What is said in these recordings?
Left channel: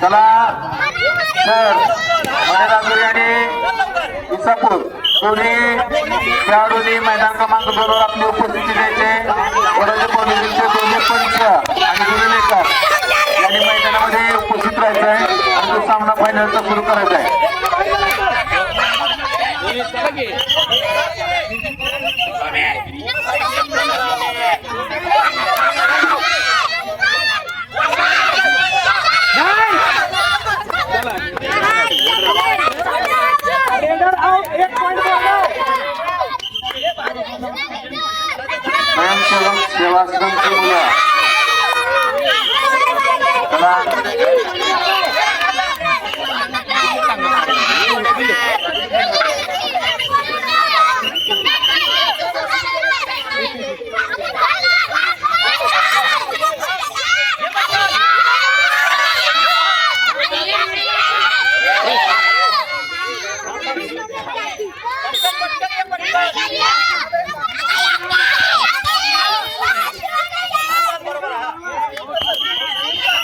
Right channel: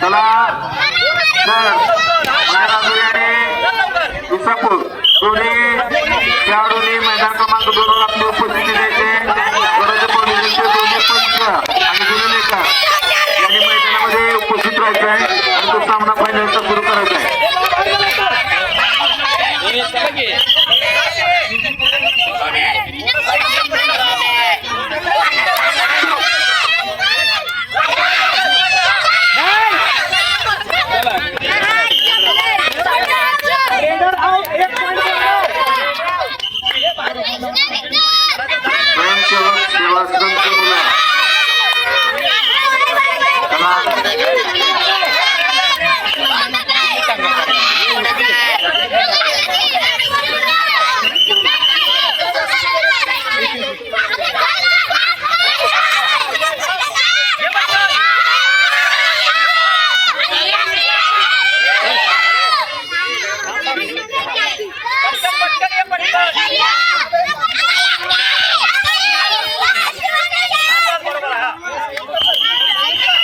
चला सर आणि विसापूर दोन्ही खेळाडूंनी मैदान क्रमांक 2 वर आपली उपस्थिती द्यायचे. दोन्ही पंच आणि गुरुलेखक यांनी मैदानामध्ये उपस्थित राहायचं आहे आणि तो सामना फायनलचा सुरू करायचा आहे. सेवाश्रमची मुलं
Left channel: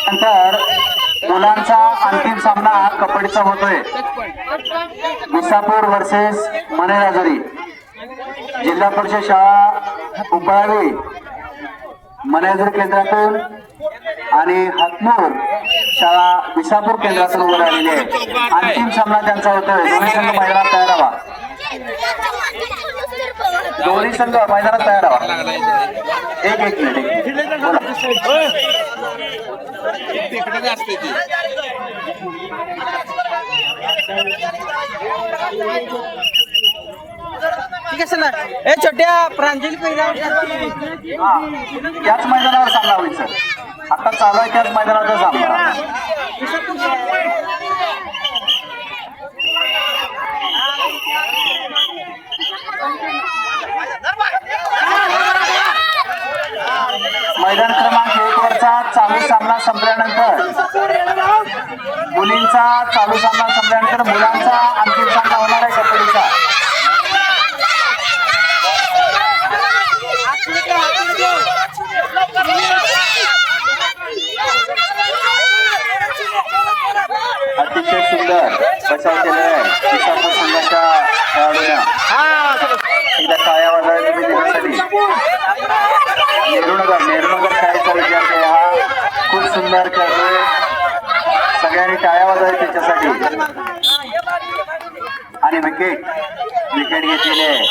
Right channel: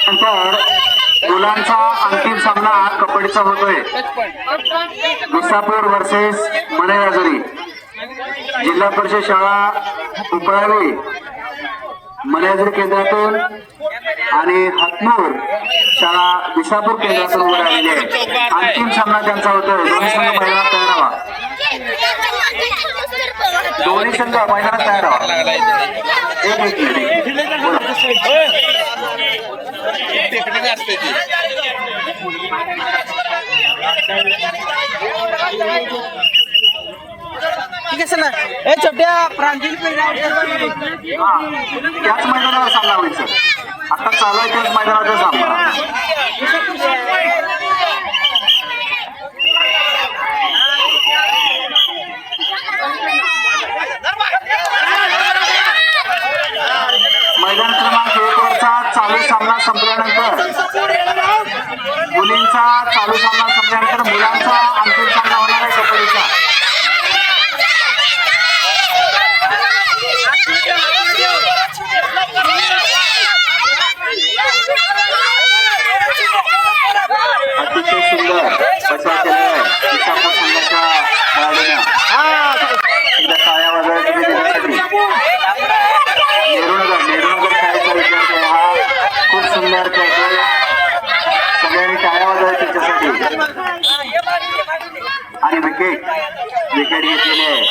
नंतर मुलांचा अंतिम सामना कबड्डीचा होतोय. विसापूर वर्सेस मनेराजरी. जिल्हा परिषद शाळा उपळावी मनेराजरी केंद्रातून आणि हातनूर शाळा विसापूर केंद्रातून उभे राहिलेले आहे. अंतिम सामना त्यांचा होतोय. दोन्ही संघ मैदानात तयार व्हा. दोन्ही संघ मैदानात तयार व्हा. एक ठीक आहे सर. ए छोट्या प्रांतील त्याच मैदानावर सामना होईल सर. आता चालू आहे त्याच मैदानावर सामना. मैदान क्रमांक 1 वरचा चालू सामना संपल्यानंतर मुलींचा चालू सामना संपल्यानंतर मुलांचा अंतिम सामना होणार आहे कबड्डीचा. अतिशय सुंदर बचाव केलेला आहे विसापूर संघाच्या खेळाडूने. टाळ्या वाजवण्यासाठी नेहरूनगर खेळायचा विचार केला. हा खूप सुंदर खेळतो. सगळ्यांनी टाळ्या वाजवल्या त्याच्यासाठी. आणि विकेट घेतलेले आहे.